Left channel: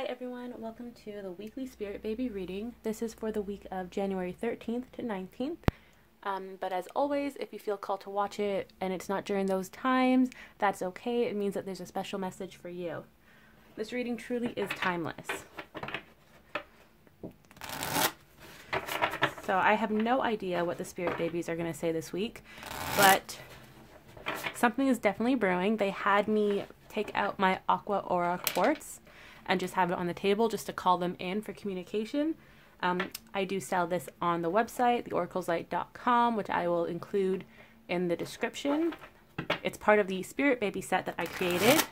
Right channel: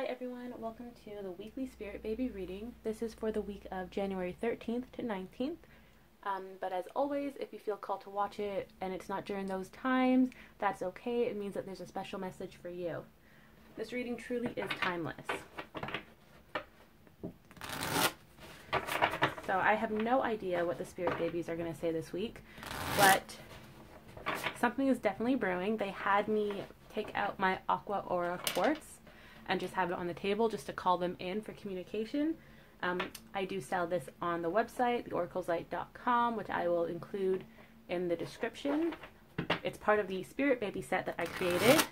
Hi everyone, welcome to the weekly Spirit Baby reading. This is for the week of January 13th to 19th. But as always, if you feel called to watch it and it's not during those times, that's okay. It means that there's a special message for you. This reading truly is timeless. So I have no idea what the Spirit Babies are going to say this week, but something is definitely brewing. They had me take out my Aqua Aura quartz and just have it on the table just to call them in for communication. I do sell this on the website, theoracleslight.com, which I will include in the description. It's part of the Spirit Baby set that I created,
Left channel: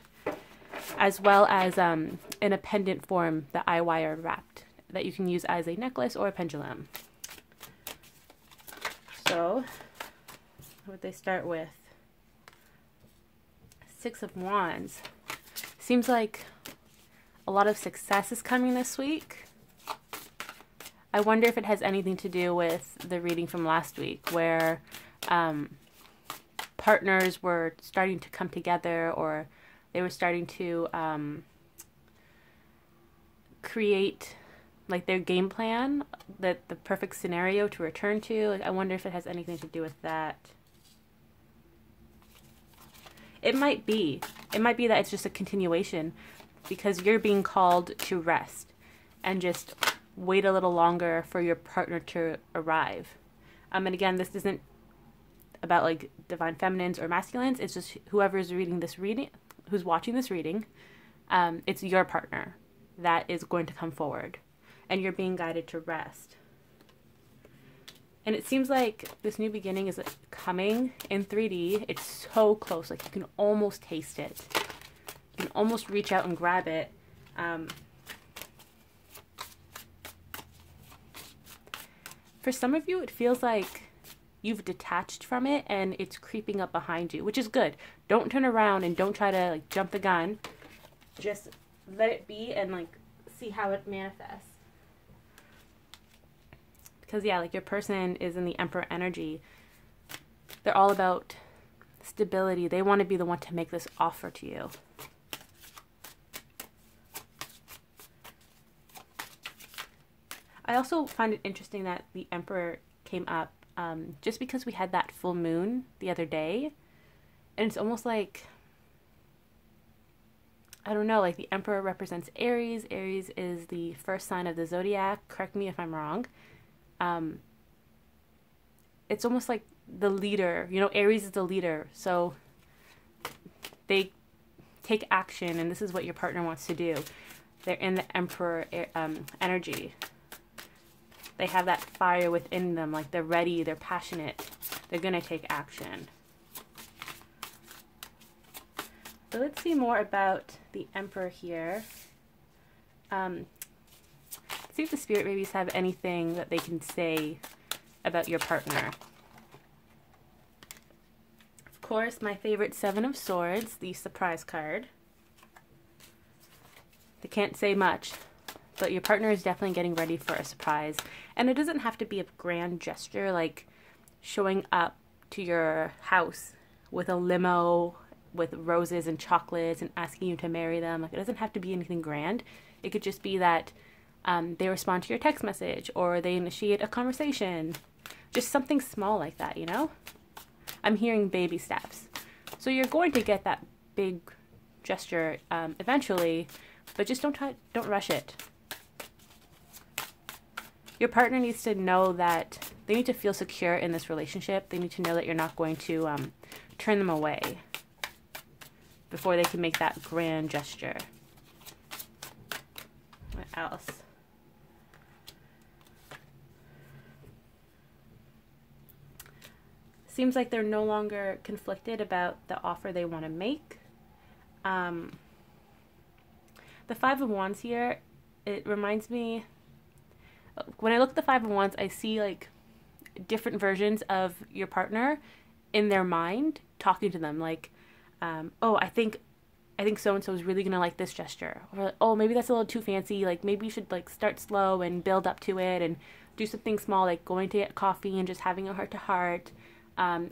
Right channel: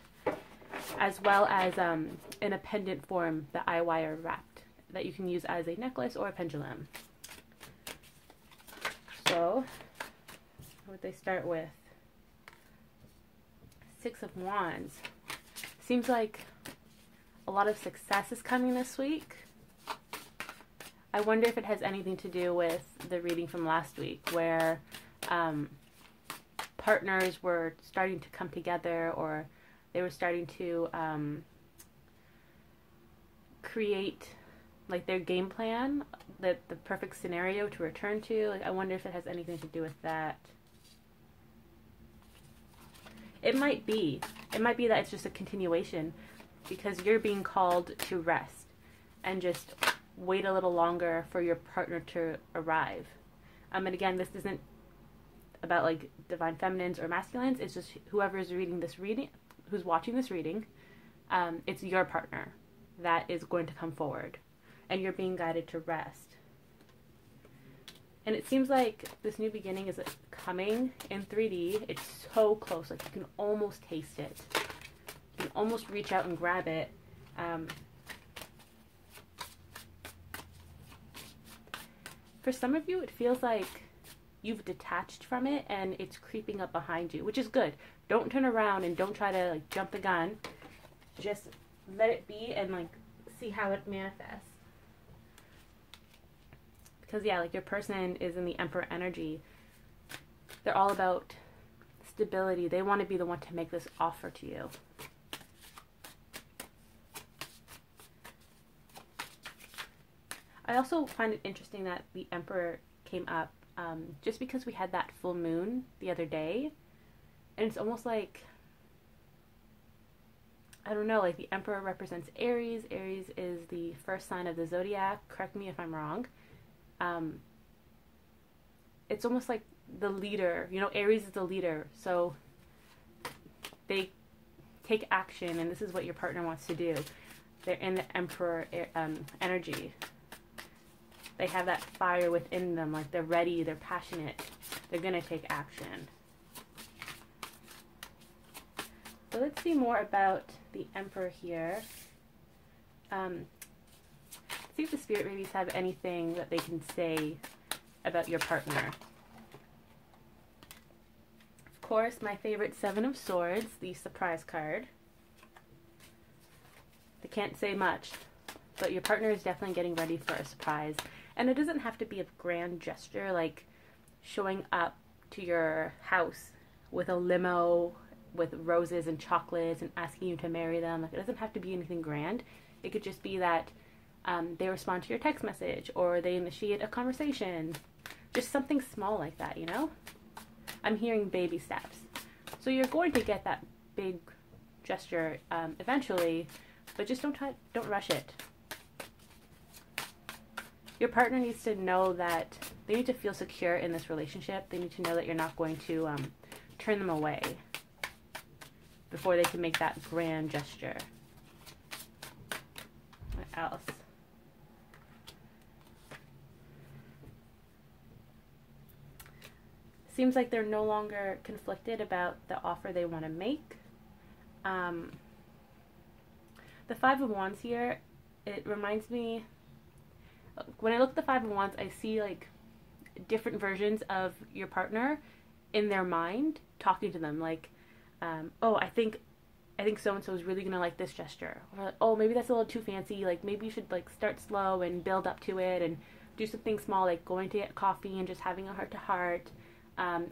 as well as in a pendant form that I wire wrapped that you can use as a necklace or a pendulum. So, what they start with, Six of Wands. Seems like a lot of success is coming this week. I wonder if it has anything to do with the reading from last week where partners were starting to come together, or they were starting to create like their game plan, that the perfect scenario to return to. Like, I wonder if it has anything to do with that. It might be that it's just a continuation, because you're being called to rest and just wait a little longer for your partner to arrive. And again, this isn't about like divine feminines or masculines. It's just whoever's reading this reading, who's watching this reading, it's your partner that is going to come forward, and you're being guided to rest. And it seems like this new beginning is coming in 3D. It's so close, like you can almost taste it. You can almost reach out and grab it. For some of you, it feels like you've detached from it and it's creeping up behind you, which is good. Don't turn around and don't try to like jump the gun. Just let it be and like see how it manifests. Because yeah, like your person is in the Emperor energy. They're all about stability. They want to be the one to make this offer to you. I also find it interesting that the Emperor came up just because we had that full moon the other day. And it's almost like, I don't know, like the Emperor represents Aries. Aries is the first sign of the zodiac. Correct me if I'm wrong. It's almost like the leader, you know, Aries is the leader. So they take action, and this is what your partner wants to do. They're in the Emperor energy. They have that fire within them, like they're ready, they're passionate, they're going to take action. So let's see more about the Emperor here. See if the Spirit Babies have anything that they can say about your partner. Of course, my favorite, Seven of Swords, the surprise card. They can't say much, but your partner is definitely getting ready for a surprise. And it doesn't have to be a grand gesture, like showing up to your house with a limo with roses and chocolates and asking you to marry them. Like, it doesn't have to be anything grand. It could just be that they respond to your text message, or they initiate a conversation. Just something small like that, you know? I'm hearing baby steps. So you're going to get that big gesture eventually, but just don't rush it. Your partner needs to know that they need to feel secure in this relationship. They need to know that you're not going to turn them away before they can make that grand gesture. What else? Seems like they're no longer conflicted about the offer they want to make. The Five of Wands here, it reminds me, when I look at the Five of Wands, I see like different versions of your partner in their mind talking to them. Like, oh, I think so-and-so is really going to like this gesture. Or, oh, maybe that's a little too fancy. Like, maybe you should like start slow and build up to it and do something small, like going to get coffee and just having a heart-to-heart.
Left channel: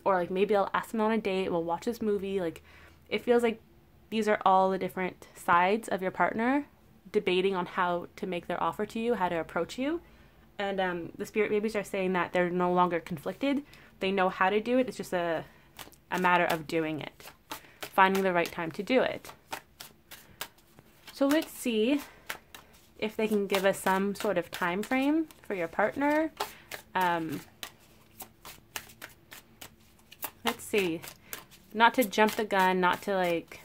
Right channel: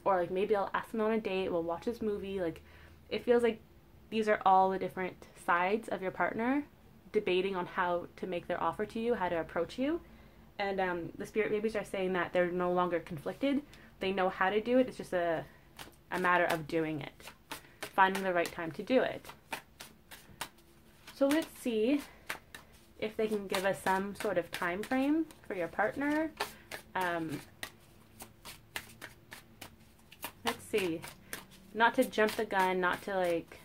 Or like maybe I'll ask them on a date, we'll watch this movie. Like, it feels like these are all the different sides of your partner debating on how to make their offer to you, how to approach you. And the spirit babies are saying that they're no longer conflicted. They know how to do it. It's just a matter of doing it, finding the right time to do it. So let's see if they can give us some sort of time frame for your partner. Let's see. Not to jump the gun, not to like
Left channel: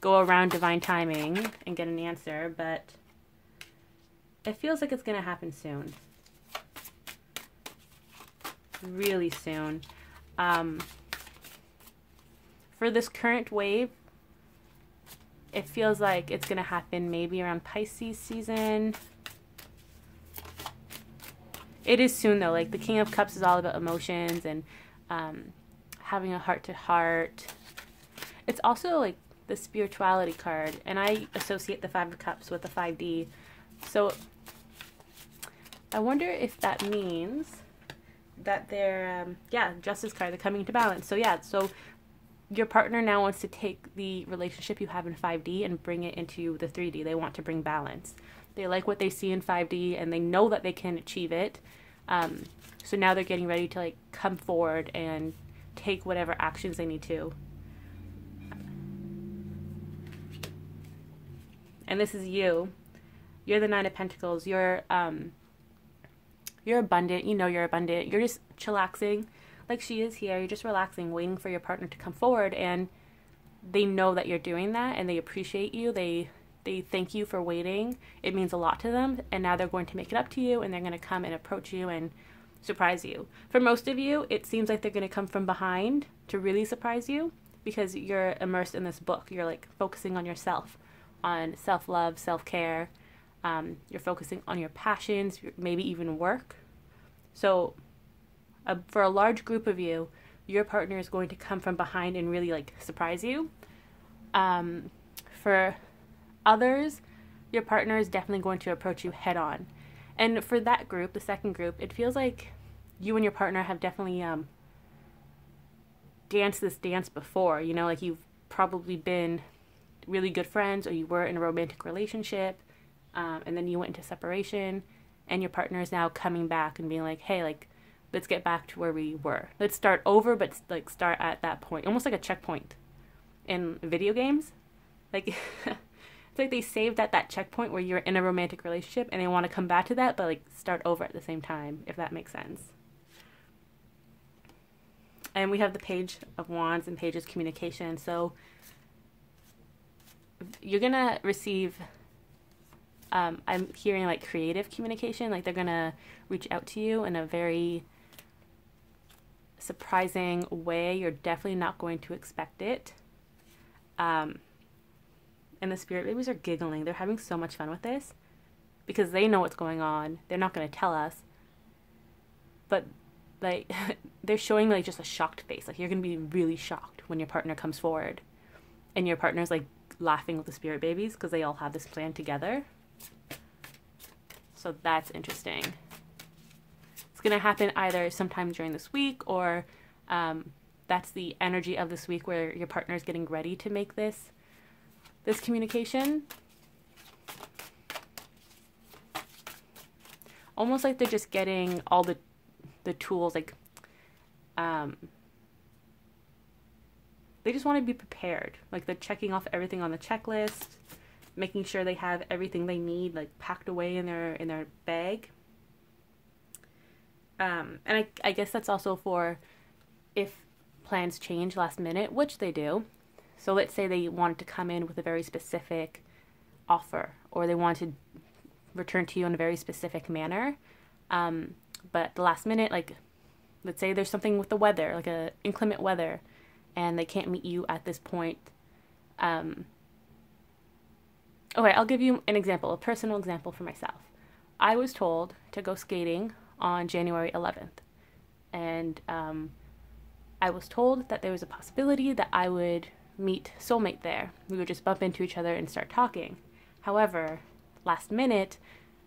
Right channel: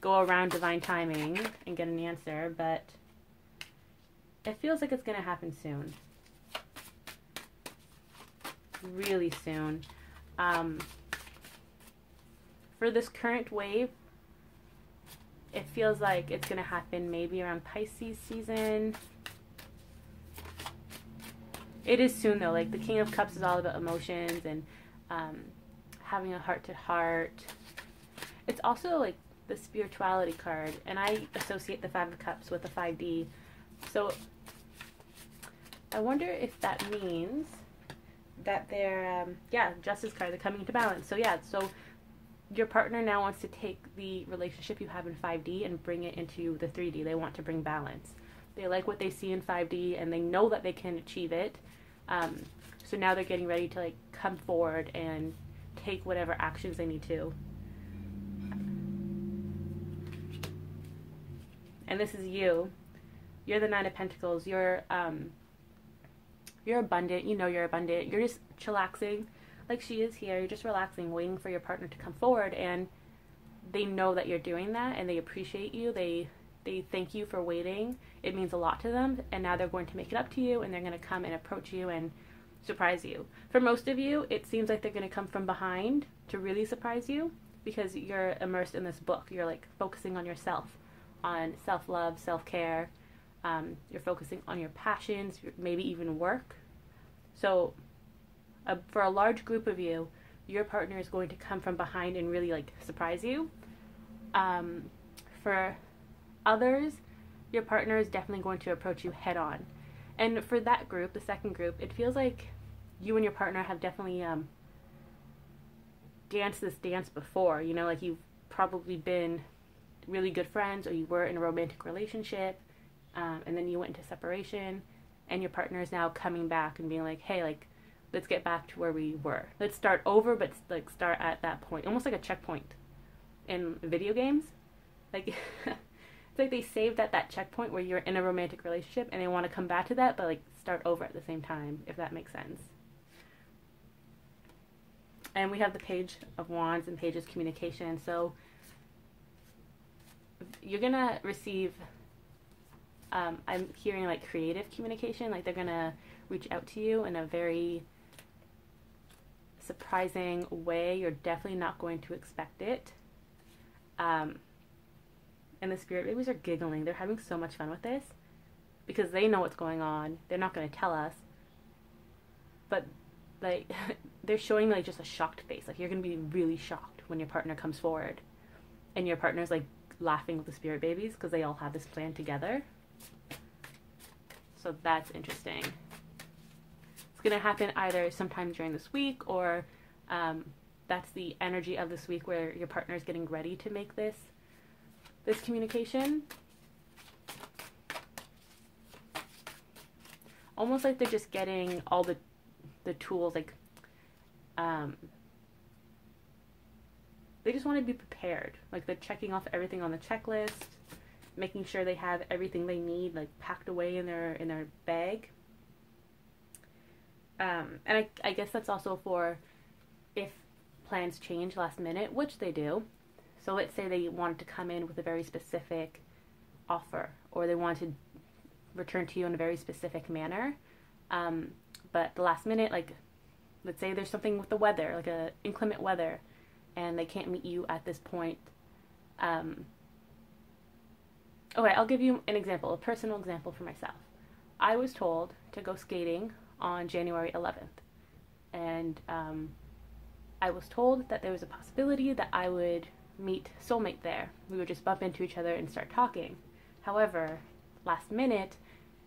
go around divine timing and get an answer, but it feels like it's going to happen soon. Really soon. For this current wave, it feels like it's going to happen maybe around Pisces season. It is soon though. Like the King of Cups is all about emotions and having a heart-to-heart. It's also like the spirituality card, and I associate the Five of Cups with the 5D. So I wonder if that means that they're, Justice card, they're coming to balance. So yeah, so your partner now wants to take the relationship you have in 5D and bring it into the 3D. They want to bring balance. They like what they see in 5D, and they know that they can achieve it. So now they're getting ready to like come forward and take whatever actions they need to. And this is you. You're the Nine of Pentacles. You're abundant. You know you're abundant. You're just chillaxing like she is here. You're just relaxing, waiting for your partner to come forward, and they know that you're doing that, and they appreciate you. They thank you for waiting. It means a lot to them, and now they're going to make it up to you, and they're going to come and approach you and surprise you. For most of you, it seems like they're going to come from behind to really surprise you, because you're immersed in this book. You're like focusing on yourself, on self-love, self-care. You're focusing on your passions, maybe even work. So for a large group of you, your partner is going to come from behind and really like surprise you. For others, your partner is definitely going to approach you head on. And for that group, the second group, it feels like you and your partner have definitely danced this dance before. You know, like you've probably been really good friends, or you were in a romantic relationship, and then you went into separation, and your partner is now coming back and being like, hey, like, let's get back to where we were. Let's start over, but like start at that point. Almost like a checkpoint in video games. Like, it's like they saved at that checkpoint where you're in a romantic relationship, and they want to come back to that, but like start over at the same time, if that makes sense. And we have the Page of Wands and Page's communication. So you're going to receive, I'm hearing like creative communication, like they're going to reach out to you in a very surprising way. You're definitely not going to expect it. And the spirit babies are giggling. They're having so much fun with this because they know what's going on. They're not going to tell us, but like they're showing like just a shocked face. Like you're going to be really shocked when your partner comes forward, and your partner's like laughing with the spirit babies because they all have this plan together. So that's interesting. It's going to happen either sometime during this week, or that's the energy of this week where your partner is getting ready to make this communication. Almost like they're just getting all the tools, like they just want to be prepared. Like they're checking off everything on the checklist, making sure they have everything they need like packed away in their bag. And I guess that's also for if plans change last minute, which they do. So let's say they wanted to come in with a very specific offer, or they want to return to you in a very specific manner. But the last minute, like let's say there's something with the weather, like a inclement weather, and they can't meet you at this point. Okay, I'll give you an example, a personal example for myself. I was told to go skating on January 11th. And I was told that there was a possibility that I would meet soulmate there. We would just bump into each other and start talking. However, last minute,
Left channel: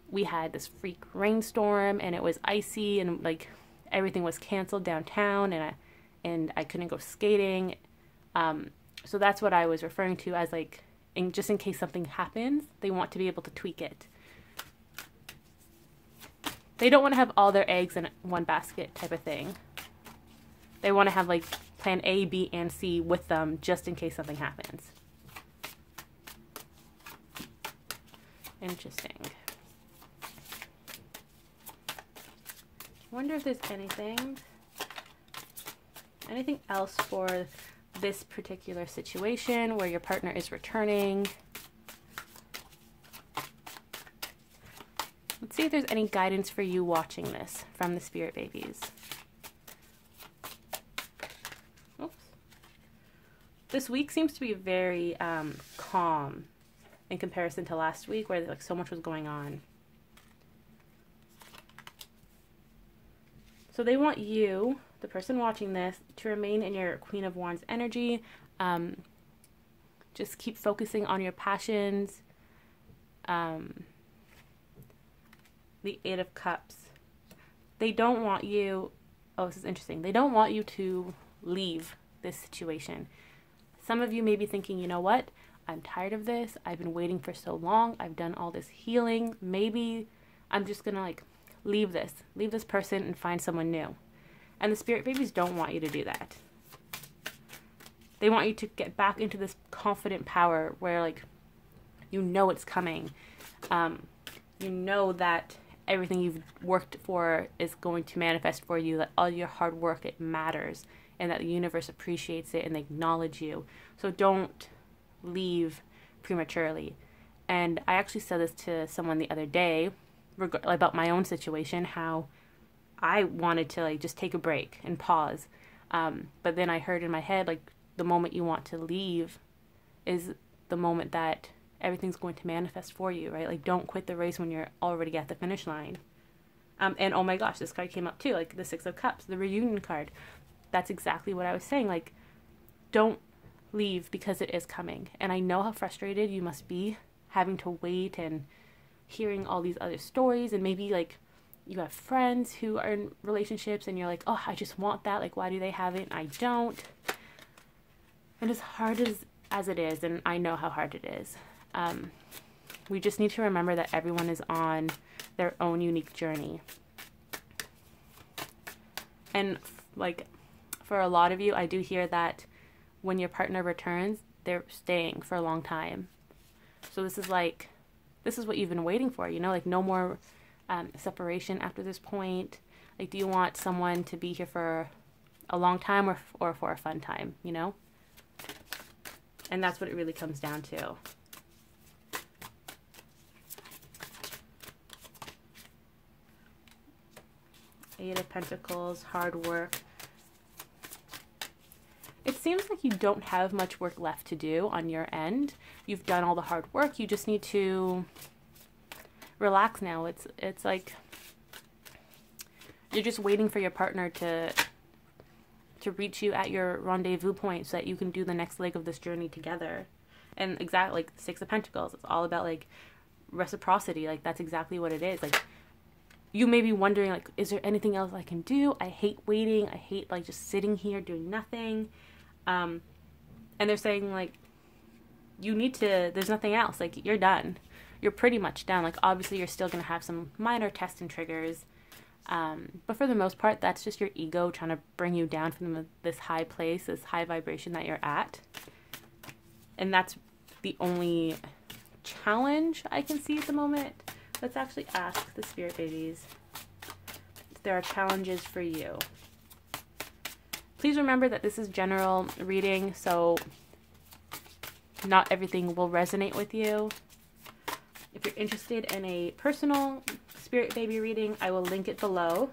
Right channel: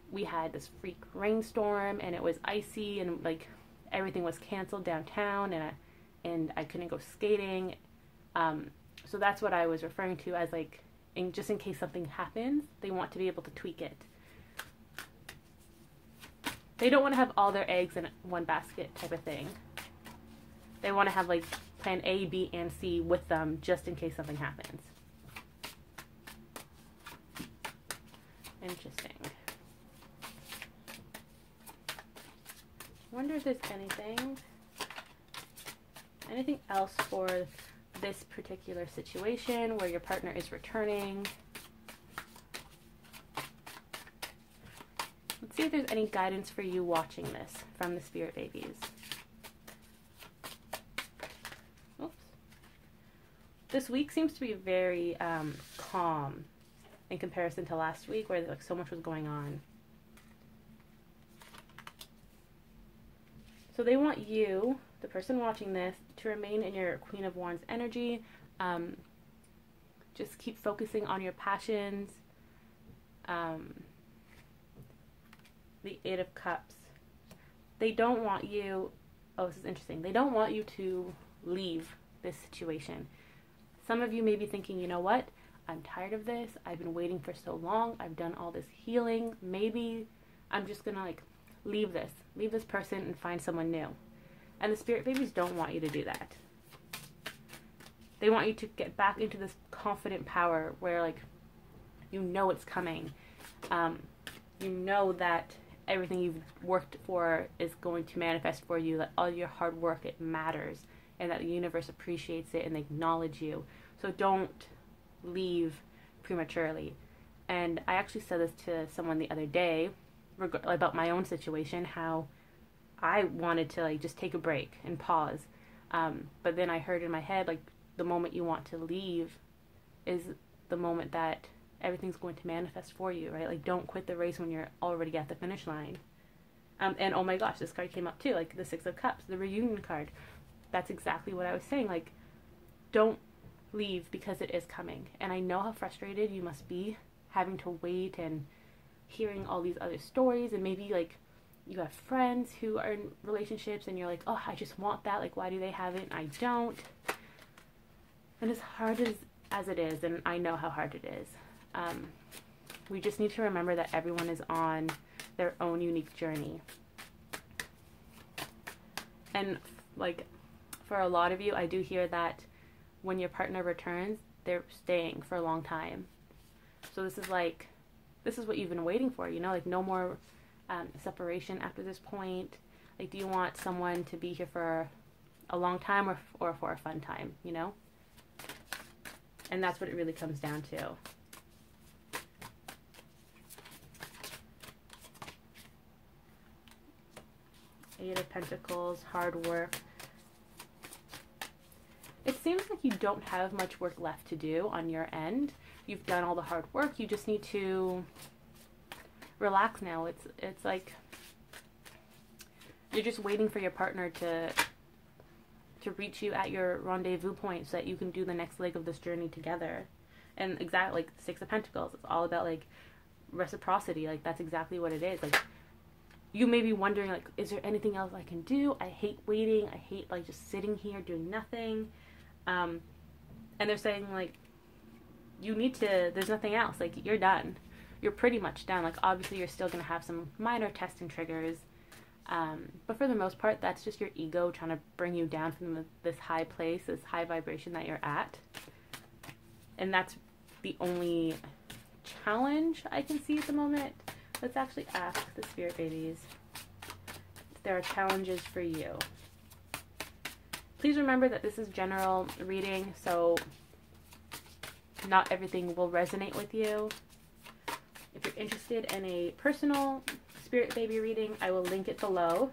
we had this freak rainstorm, and it was icy, and like everything was canceled downtown, and I couldn't go skating. So that's what I was referring to as like And just in case something happens, they want to be able to tweak it. They don't want to have all their eggs in one basket type of thing. They want to have like plan A, B, and C with them just in case something happens. Interesting. I wonder if there's anything else for this particular situation where your partner is returning. Let's see if there's any guidance for you watching this from the spirit babies. Oops. This week seems to be very calm in comparison to last week where like so much was going on. So they want you, the person watching this, to remain in your Queen of Wands energy. Just keep focusing on your passions. The Eight of Cups. They don't want you, oh, this is interesting. They don't want you to leave this situation. Some of you may be thinking, you know what? I'm tired of this. I've been waiting for so long. I've done all this healing. Maybe I'm just gonna like leave this person and find someone new. And the spirit babies don't want you to do that. They want you to get back into this confident power where like you know it's coming. You know that everything you've worked for is going to manifest for you, that all your hard work, it matters, and that the universe appreciates it and they acknowledge you. So don't leave prematurely. And I actually said this to someone the other day about my own situation, how I wanted to like just take a break and pause. But then I heard in my head, like, the moment you want to leave is the moment that everything's going to manifest for you, right? Like, don't quit the race when you're already at the finish line. And oh my gosh, this card came up too, like the Six of Cups, the reunion card. That's exactly what I was saying. Like, don't leave because it is coming. And I know how frustrated you must be having to wait and hearing all these other stories, and maybe like you have friends who are in relationships and you're like, oh, I just want that, like, why do they have it and I don't? And as hard as it is, and I know how hard it is, we just need to remember that everyone is on their own unique journey. And like for a lot of you, I do hear that when your partner returns, they're staying for a long time. So this is what you've been waiting for, you know, like no more separation after this point. Like, do you want someone to be here for a long time or for a fun time, you know? And that's what it really comes down to. Eight of Pentacles, hard work. It seems like you don't have much work left to do on your end. You've done all the hard work. You just need to relax now. It's like you're just waiting for your partner to reach you at your rendezvous point so that you can do the next leg of this journey together. And exactly like Six of Pentacles, it's all about like reciprocity. Like, that's exactly what it is. Like, you may be wondering, like, is there anything else I can do? I hate waiting. I hate like just sitting here doing nothing. And they're saying like, you need to, there's nothing else. Like, you're done. You're pretty much done. Like, obviously you're still going to have some minor tests and triggers. But for the most part, that's just your ego trying to bring you down from this high place, this high vibration that you're at. And that's the only challenge I can see at the moment. Let's actually ask the spirit babies if there are challenges for you. Please remember that this is general reading, so not everything will resonate with you. If you're interested in a personal spirit baby reading, I will link it below.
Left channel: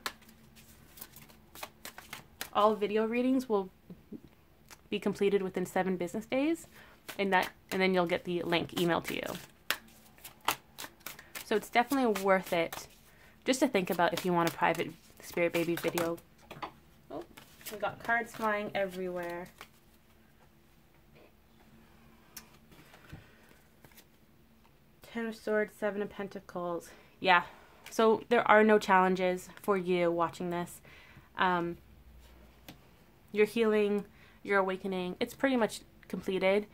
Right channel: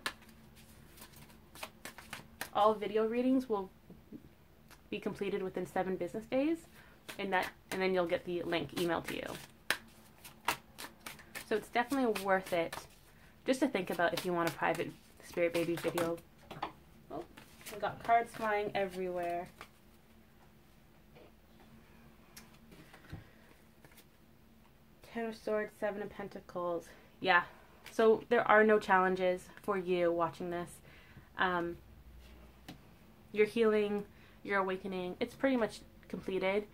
All video readings will be completed within 7 business days, and then you'll get the link emailed to you. So it's definitely worth it just to think about if you want a private spirit baby video. Oh, I got cards flying everywhere. Ten of Swords, Seven of Pentacles. Yeah. So there are no challenges for you watching this. Your healing, your awakening, it's pretty much completed.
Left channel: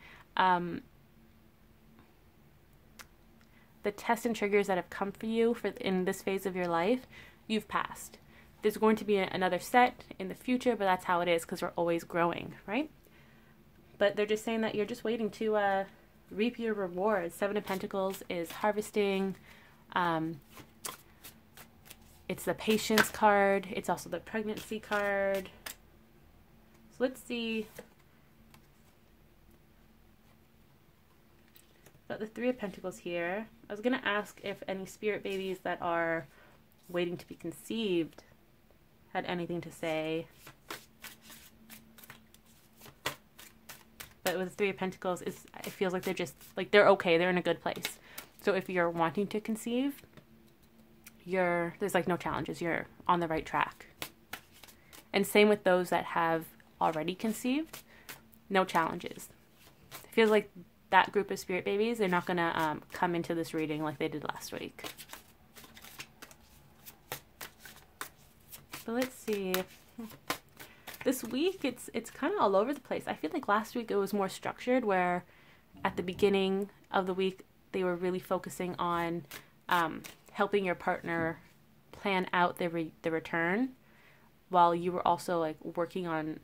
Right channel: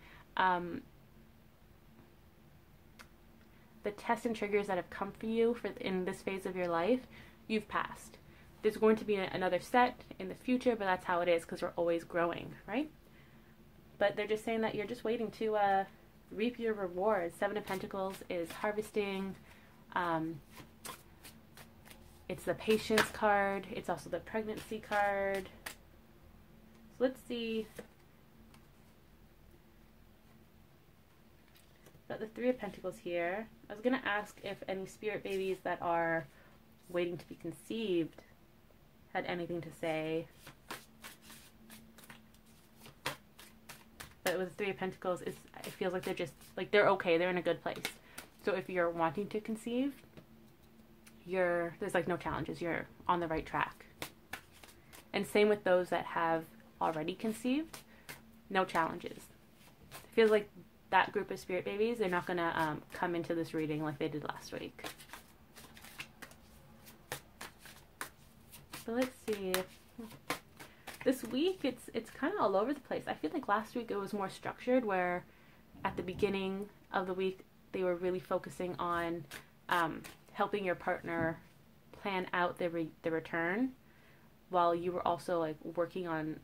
the tests and triggers that have come for you in this phase of your life, you've passed. There's going to be another set in the future, but that's how it is because we're always growing, right? But they're just saying that you're just waiting to reap your rewards. Seven of Pentacles is harvesting. It's the patience card. It's also the pregnancy card. So let's see. Got the Three of Pentacles here. I was going to ask if any spirit babies that are waiting to be conceived had anything to say. But with the Three of Pentacles, it feels like they're just, like, they're okay. They're in a good place. So if you're wanting to conceive, there's like no challenges. You're on the right track. And same with those that have already conceived, no challenges. It feels like that group of spirit babies, they're not going to come into this reading like they did last week. So let's see. This week, it's kind of all over the place. I feel like last week it was more structured, where at the beginning of the week, they were really focusing on helping your partner plan out the return, while you were also like working on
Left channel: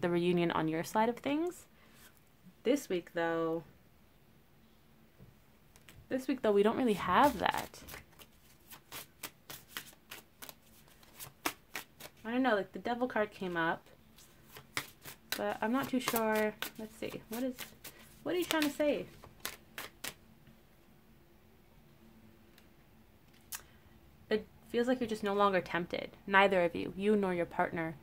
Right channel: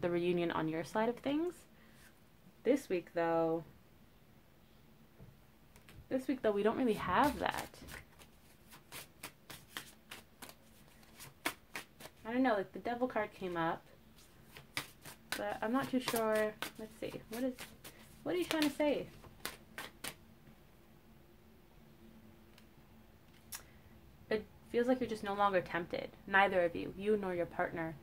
the reunion on your side of things. This week though, we don't really have that. I don't know, like the Devil card came up, but I'm not too sure. Let's see. What are you trying to say? It feels like you're just no longer tempted. Neither of you nor your partner.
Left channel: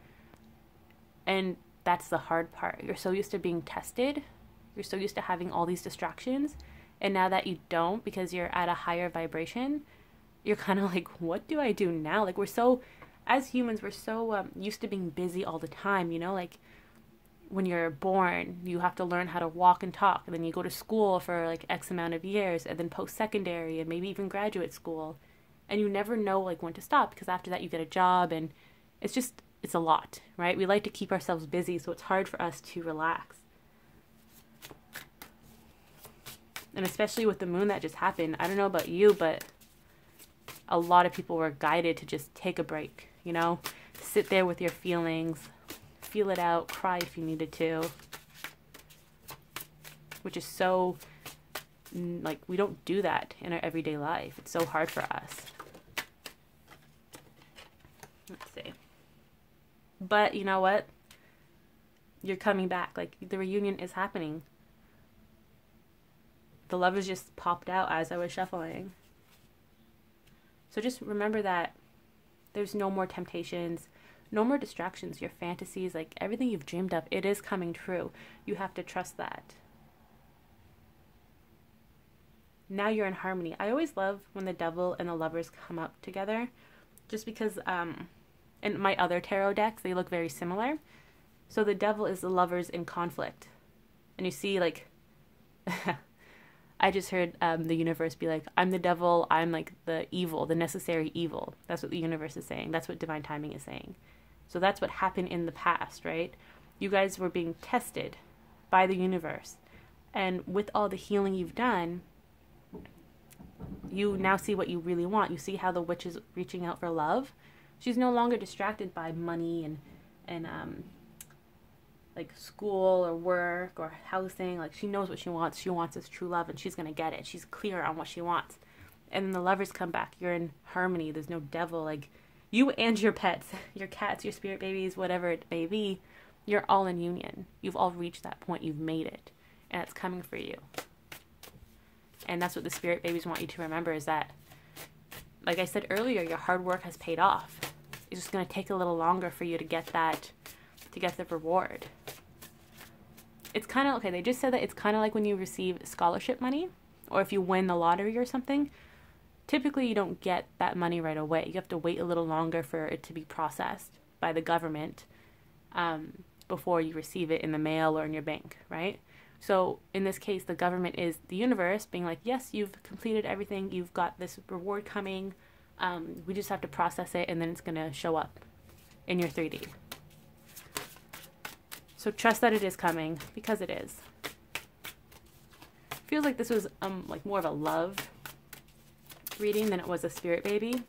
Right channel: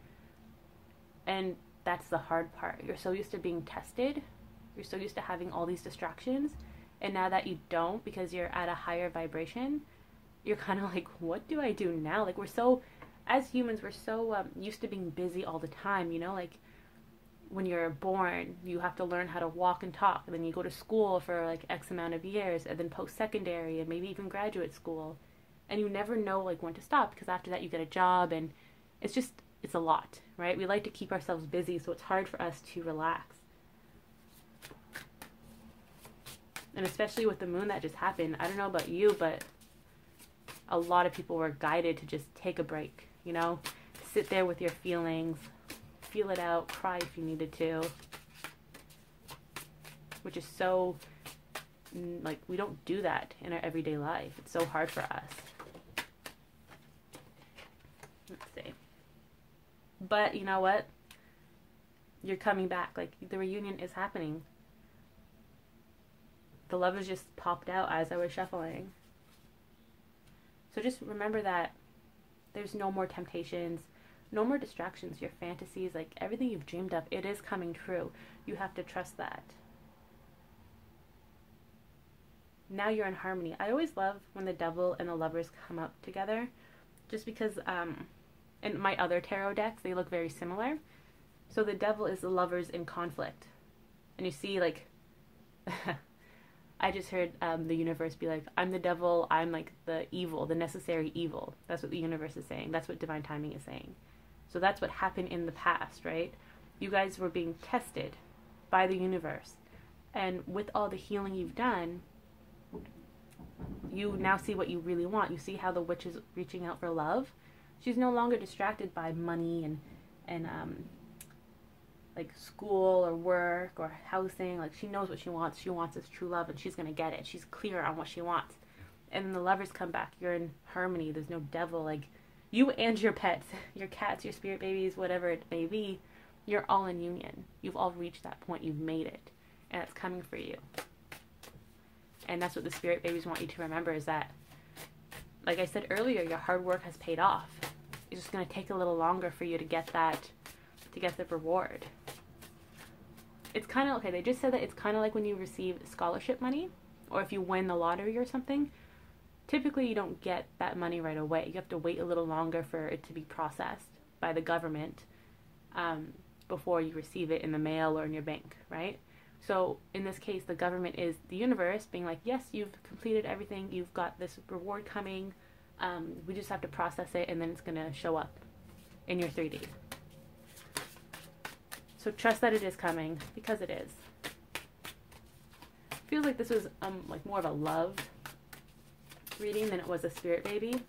And that's the hard part. You're so used to being tested. You're so used to having all these distractions. And now that you don't, because you're at a higher vibration, you're kind of like, what do I do now? Like, as humans, we're so used to being busy all the time, you know, like when you're born, you have to learn how to walk and talk, and then you go to school for like X amount of years, and then post-secondary, and maybe even graduate school, and you never know like when to stop, because after that you get a job, and it's a lot, right? We like to keep ourselves busy, so it's hard for us to relax. And especially with the moon that just happened, I don't know about you, but a lot of people were guided to just take a break. You know, sit there with your feelings, feel it out, cry if you needed to, which is so, like, we don't do that in our everyday life. It's so hard for us. Let's see. But you know what? You're coming back. Like, the reunion is happening. The Lovers just popped out as I was shuffling. So just remember that there's no more temptations, no more distractions. Your fantasies, like everything you've dreamed of, it is coming true. You have to trust that. Now you're in harmony. I always love when the Devil and the Lovers come up together, just because in my other tarot decks, they look very similar. So the Devil is the Lovers in conflict. And you see, like, I just heard the universe be like, I'm the devil, I'm like the evil, the necessary evil. That's what the universe is saying. That's what divine timing is saying. So that's what happened in the past, right? You guys were being tested by the universe. And with all the healing you've done, you now see what you really want. You see how the witch is reaching out for love. She's no longer distracted by money and like school or work or housing. Like, she knows what she wants. She wants this true love, and she's gonna get it. She's clear on what she wants. And the Lovers come back. You're in harmony. There's no devil. Like, you and your pets, your cats, your spirit babies, whatever it may be, you're all in union. You've all reached that point. You've made it, and it's coming for you. And that's what the spirit babies want you to remember, is that, like I said earlier, your hard work has paid off. It's just going to take a little longer for you to get that, to get the reward. It's kind of, okay, they just said that it's kind of like when you receive scholarship money, or if you win the lottery or something. Typically, you don't get that money right away. You have to wait a little longer for it to be processed by the government before you receive it in the mail or in your bank, right? So in this case, the government is the universe being like, yes, you've completed everything. You've got this reward coming. We just have to process it, and then it's going to show up in your 3D. So trust that it is coming, because it is. Feels like this was like more of a love reading than it was a spirit baby.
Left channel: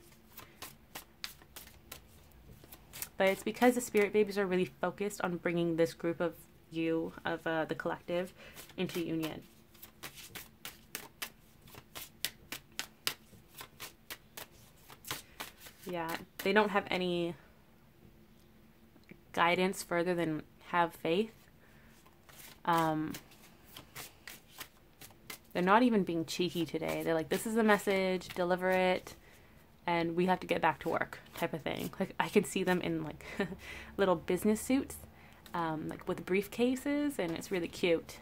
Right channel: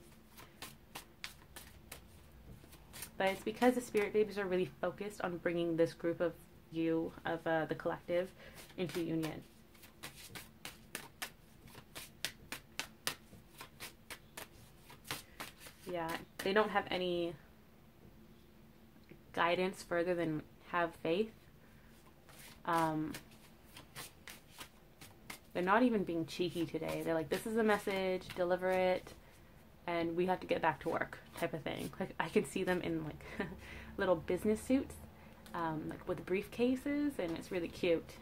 But it's because the spirit babies are really focused on bringing this group of you, of the collective, into union. Yeah, they don't have any guidance further than have faith. They're not even being cheeky today. They're like, this is a message, deliver it, and we have to get back to work type of thing. Like, I can see them in like little business suits, like with briefcases, and it's really cute.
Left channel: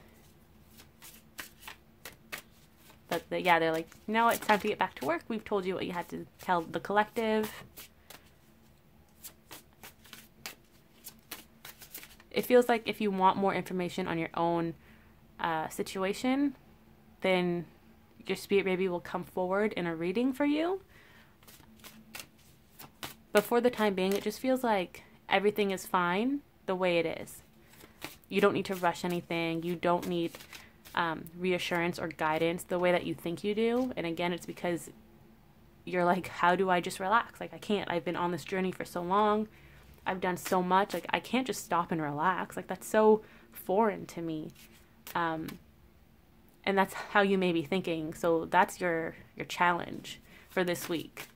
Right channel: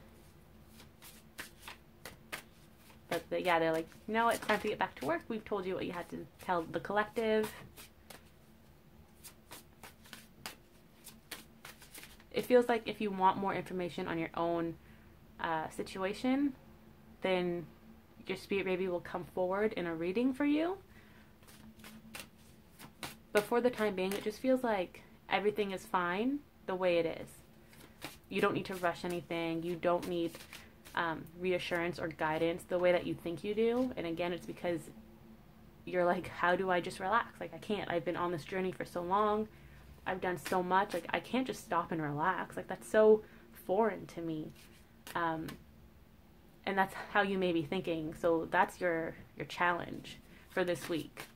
But yeah, they're like, no, it's time to get back to work. We've told you what you had to tell the collective. It feels like if you want more information on your own situation, then your spirit baby will come forward in a reading for you. But for the time being, it just feels like everything is fine the way it is. You don't need to rush anything. You don't need reassurance or guidance the way that you think you do. And again, it's because you're like, how do I just relax? Like, I can't. I've been on this journey for so long. I've done so much. Like, I can't just stop and relax. Like, that's so foreign to me. And that's how you may be thinking. So that's your challenge for this week.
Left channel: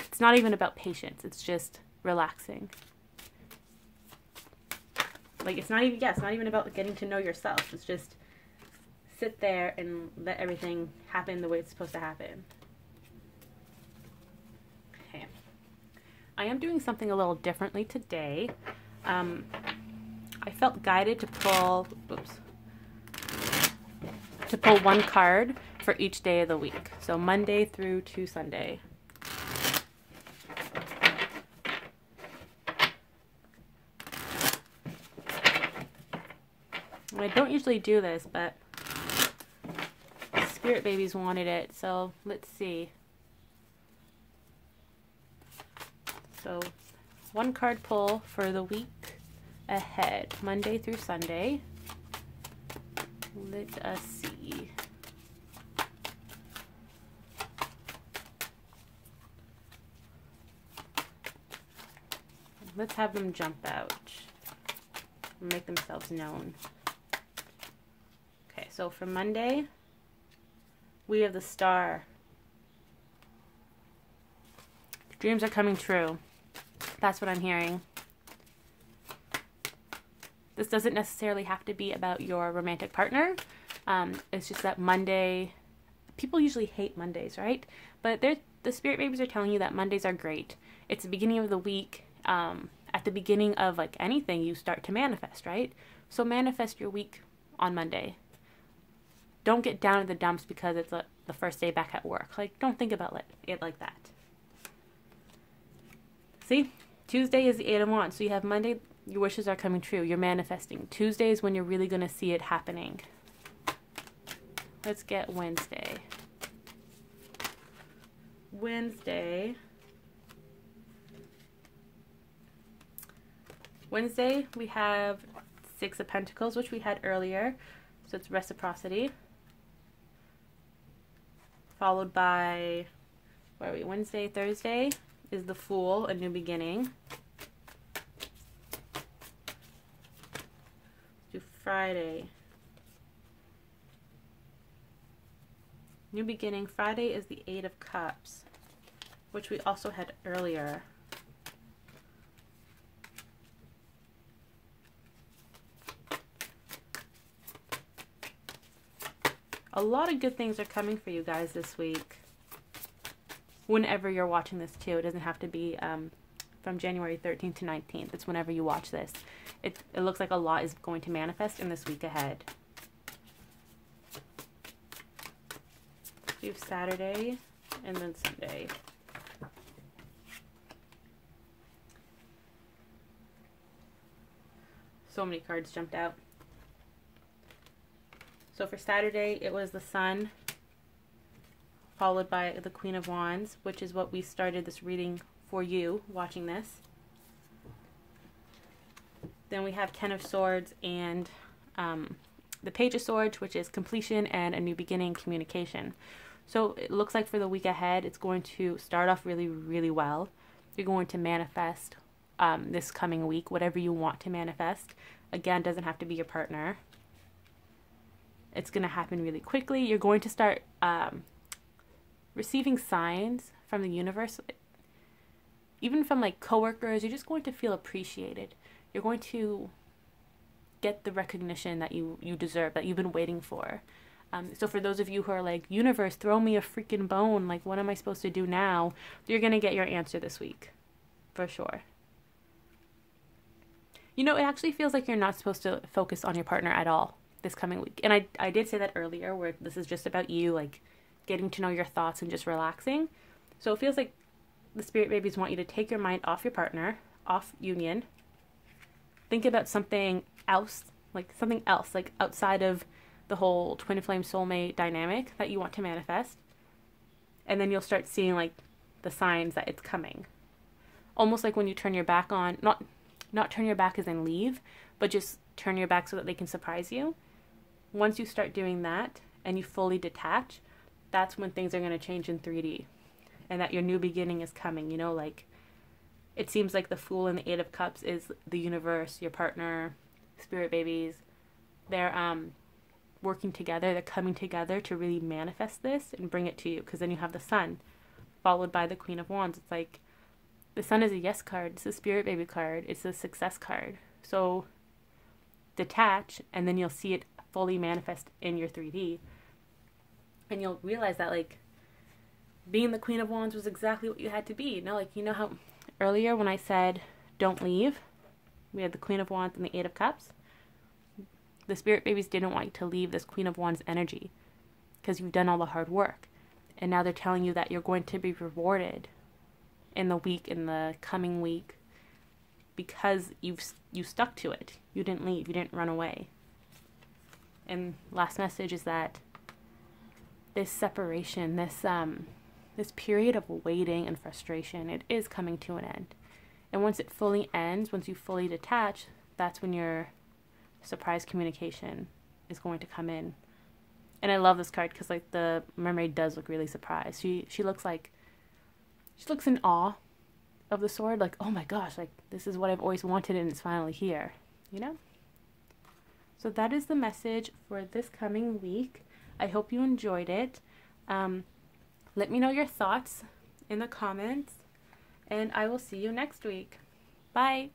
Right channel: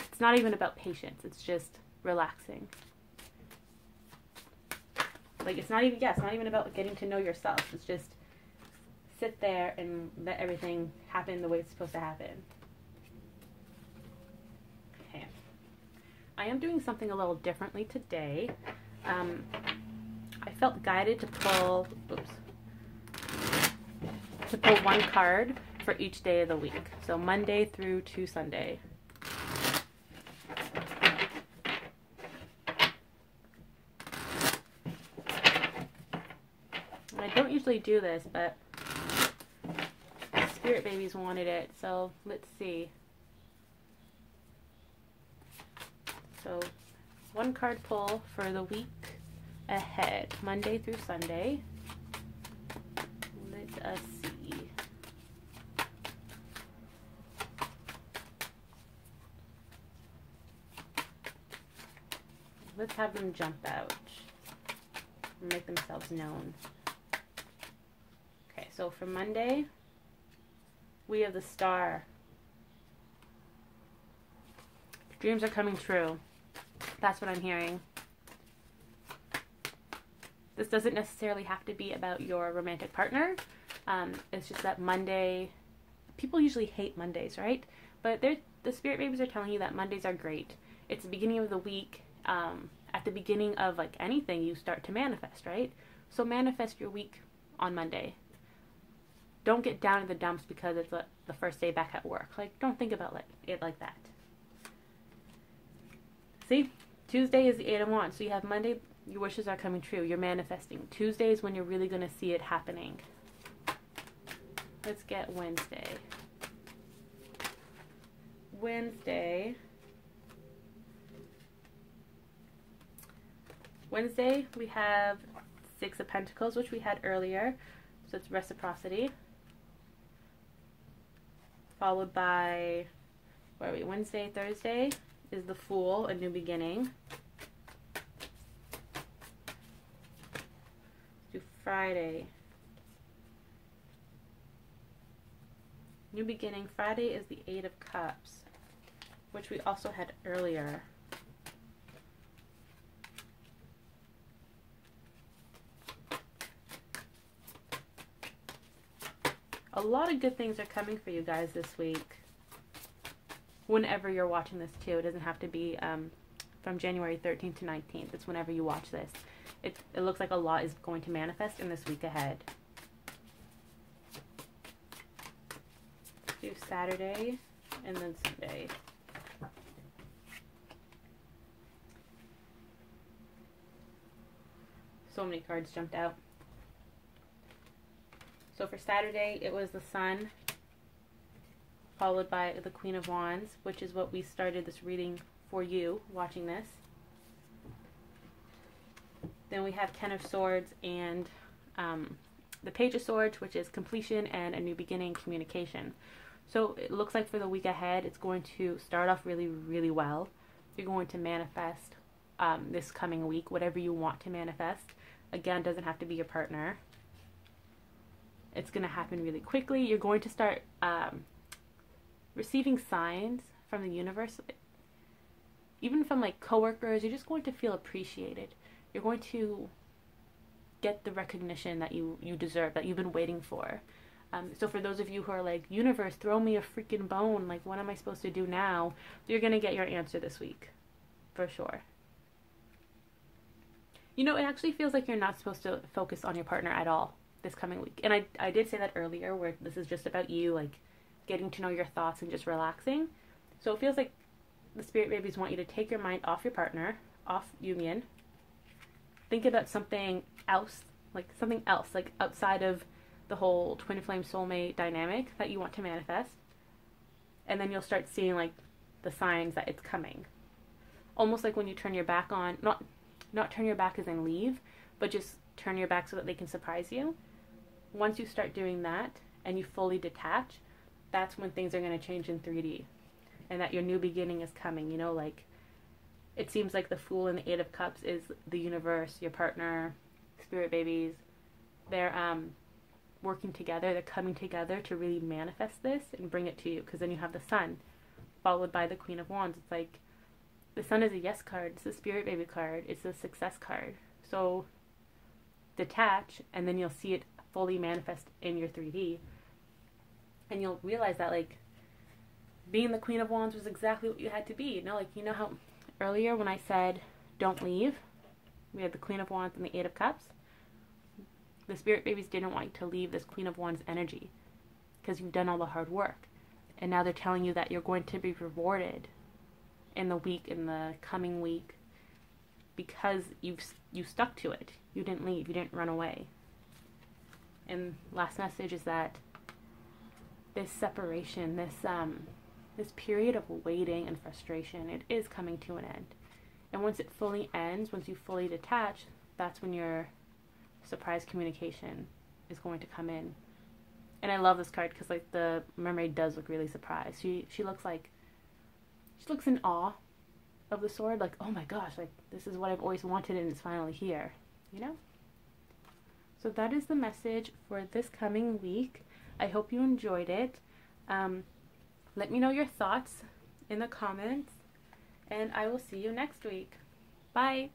It's not even about patience. It's just relaxing. Like, it's not even about getting to know yourself. It's just sit there and let everything happen the way it's supposed to happen. Okay. I am doing something a little differently today. I felt guided to pull, one card for each day of the week. So Monday through to Sunday. I don't usually do this, but spirit babies wanted it, so let's see. So one card pull for the week ahead, Monday through Sunday. Let us see. Let's have them jump out and make themselves known. Okay, so for Monday, we have the Star. Dreams are coming true. That's what I'm hearing. This doesn't necessarily have to be about your romantic partner. It's just that Monday, people usually hate Mondays, right? But the spirit babies are telling you that Mondays are great. It's the beginning of the week. At the beginning of like anything, you start to manifest, right? So manifest your week on Monday. Don't get down in the dumps because it's the first day back at work. Like, don't think about it like that. See? Tuesday is the 8 of Wands. So you have Monday, your wishes are coming true. You're manifesting. Tuesday is when you're really going to see it happening. Let's get Wednesday. Wednesday, we have 6 of Pentacles, which we had earlier. So it's reciprocity. Followed by, where are we? Wednesday, Thursday is the Fool, a new beginning. Let's do Friday. New beginning. Friday is the 8 of Cups, which we also had earlier. A lot of good things are coming for you guys this week. Whenever you're watching this too. It doesn't have to be from January 13th to 19th. It's whenever you watch this. It looks like a lot is going to manifest in this week ahead. We have Saturday and then Sunday. So many cards jumped out. So for Saturday, it was the Sun, followed by the Queen of Wands, which is what we started this reading for you, watching this. Then we have Ten of Swords and the Page of Swords, which is completion and a new beginning, communication. So it looks like for the week ahead, it's going to start off really, really well. You're going to manifest this coming week, whatever you want to manifest. Again, doesn't have to be your partner. It's going to happen really quickly. You're going to start receiving signs from the universe, even from like coworkers. You're just going to feel appreciated. You're going to get the recognition that you deserve, that you've been waiting for. So for those of you who are like, universe, throw me a freaking bone, like what am I supposed to do now? You're going to get your answer this week, for sure. You know, it actually feels like you're not supposed to focus on your partner at all this coming week. And I did say that earlier, where this is just about you, like getting to know your thoughts and just relaxing. So it feels like the spirit babies want you to take your mind off your partner, off union. Think about something else, like outside of the whole twin flame soulmate dynamic that you want to manifest. And then you'll start seeing like the signs that it's coming. Almost like when you turn your back on, not turn your back as in leave, but just turn your back so that they can surprise you. Once you start doing that and you fully detach, that's when things are going to change in 3D. And that your new beginning is coming, you know, like it seems like the Fool and the Eight of Cups is the universe, your partner, spirit babies. They're working together, they're coming together to really manifest this and bring it to you, because then you have the Sun followed by the Queen of Wands. It's like the Sun is a yes card, it's a spirit baby card, it's a success card. So detach, and then you'll see it fully manifest in your 3D, and you'll realize that like being the Queen of Wands was exactly what you had to be. You know, like, you know how earlier when I said don't leave, we had the Queen of Wands and the Eight of Cups. The spirit babies didn't want you to leave this Queen of Wands energy because you've done all the hard work. And now they're telling you that you're going to be rewarded in the coming week, because you stuck to it. You didn't leave. You didn't run away. And last message is that this separation, this period of waiting and frustration, it is coming to an end. And once it fully ends, once you fully detach, that's when your surprise communication is going to come in. And I love this card because like the mermaid does look really surprised. She looks in awe of the sword, like, oh my gosh, like this is what I've always wanted and it's finally here, you know? So that is the message for this coming week. I hope you enjoyed it. Let me know your thoughts in the comments, and I will see you next week. Bye!